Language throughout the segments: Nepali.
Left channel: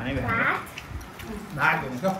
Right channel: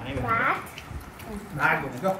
भात भनेको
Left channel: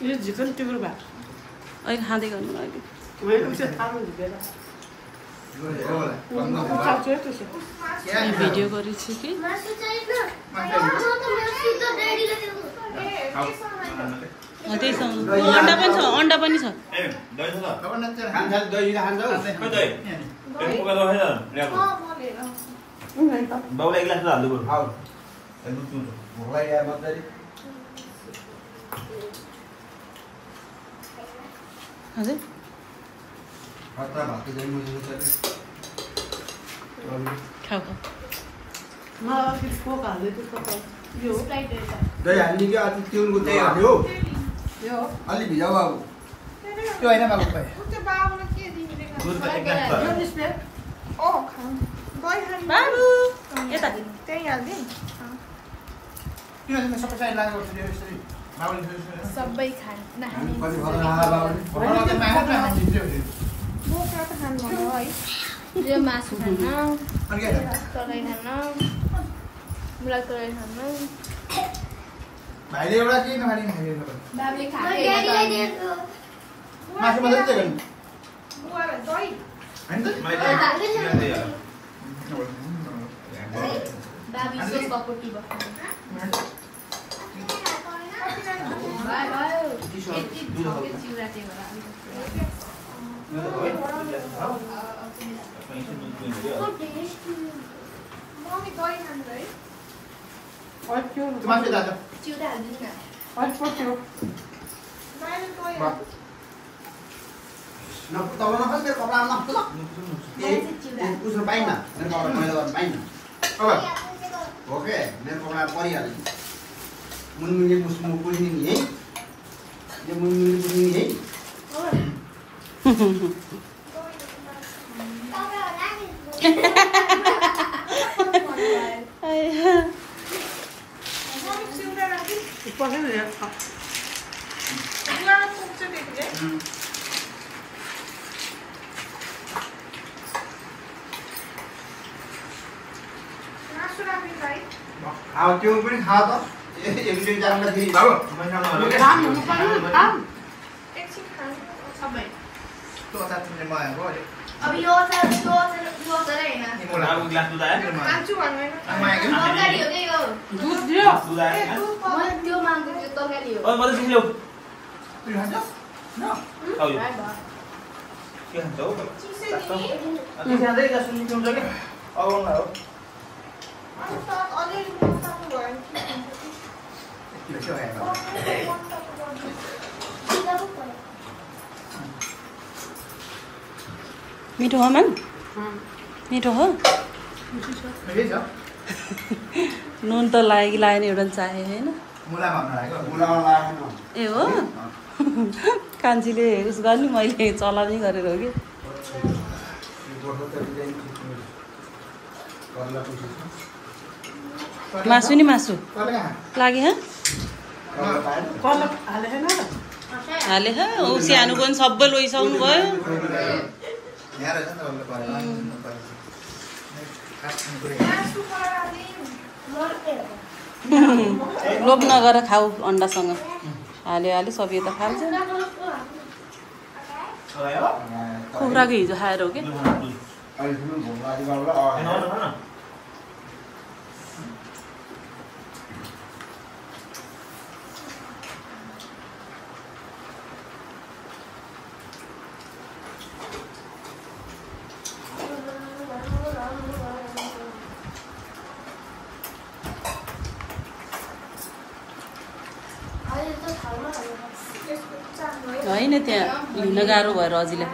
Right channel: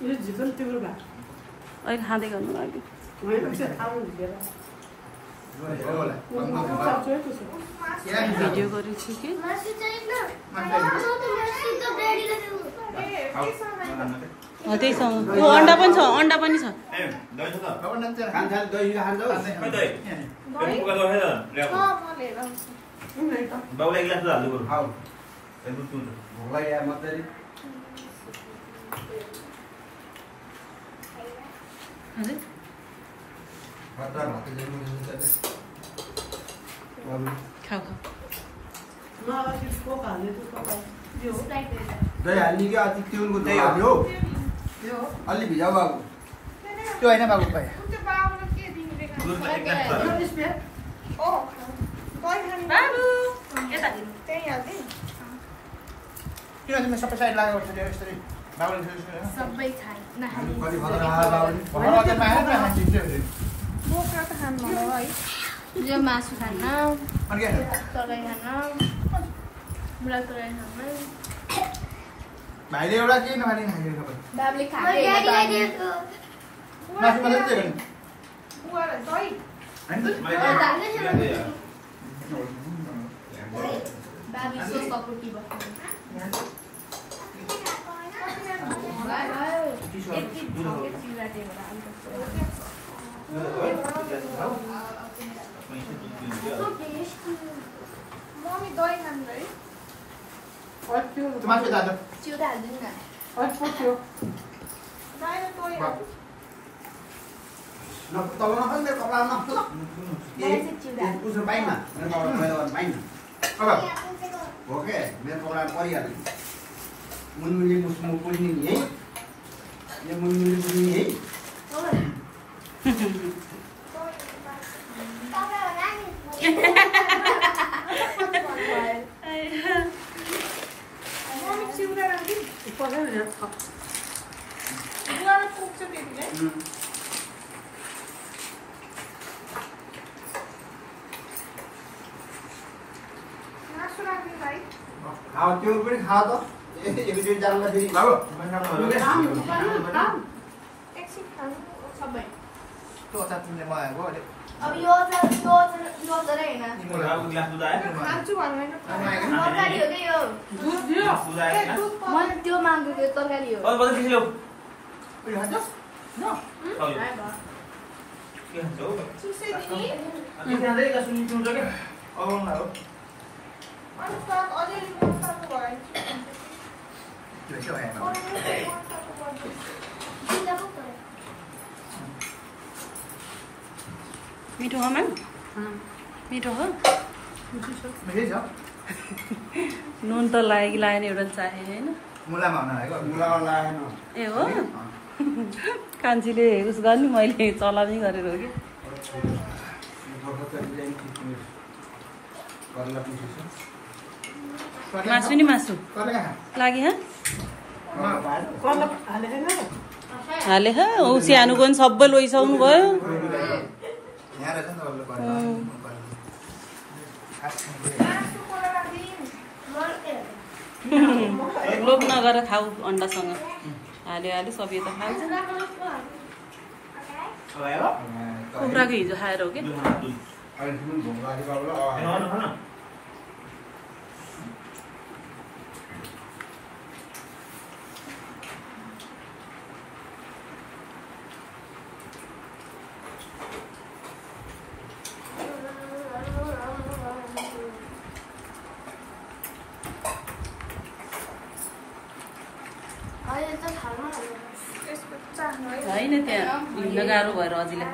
यो झिकन टिम्रो भा अहिले खाँदै गर्नु अहिले भिडियो गरेछु कि त्यहीसँग अन्डा पनि छ अन्डा पनि छ हजुर खाऊ दही हाल्ने कि अति तिउनको दही हाल्यो अलि भिजाउ बाबु त्यो होइन बाबु भाइ बाबु यता सबै यो मासु खान तराई खान मलाई तराई खान भाइले एउटा के नखाने बाबुले मासु मात्रै चाहिँ ओके मेरो कपडा परिहाल्यो मुनमुनले मुसमुन पुल्ने नि है यो मुनमुनले पुल्ने है त्यो पनि खा त एकचोटि जाँदाखेरि बाबु अब यो तर हैन कान्छु भन्दैन तरकारी हो के यो दुध दियो त्यो माग्दै त्यो तरकारी हो मिठो हो मन मिठो हो नुन त लाग्यो कि लागेन एउटा चाहे होइन ए हो कान्छीले उस गर्ने मैले चलाउने गरेर हो कि मासु नि मासु लाग्यो हाले ऊ सानोको पनि सबै लैसक्नु भयो लोभ नगर खाऊ अन्डासँग हाल्यो हाल्यो सब यता खान्छ कुखुराको हिजो खाएर हो कि होइन त्यहाँ हिँड्न गाह्रो भएर अझैलाई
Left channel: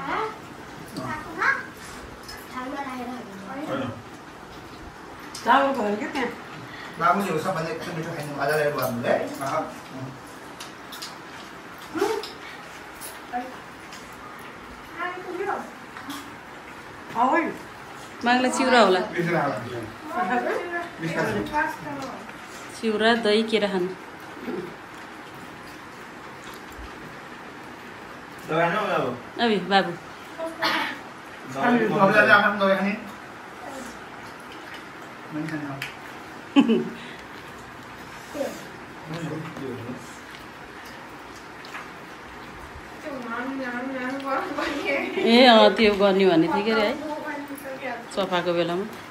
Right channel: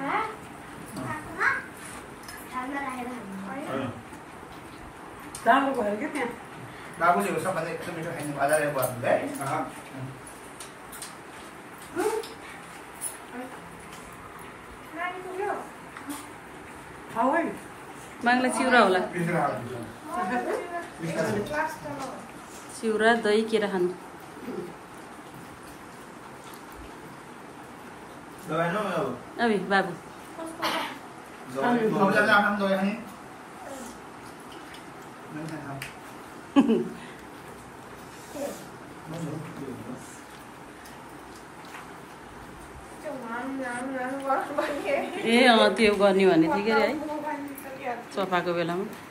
चामल भयो क्या त्यहाँ बाबुले हो सबभन्दा एकदम मिठो खाइदिनु अझै गर्नु है माग्ला चिउरा होला चिउरा दही केरा खानु अबे बाबु ए त्यो गर्ने भने ठिकै रे है सफाको बेलामा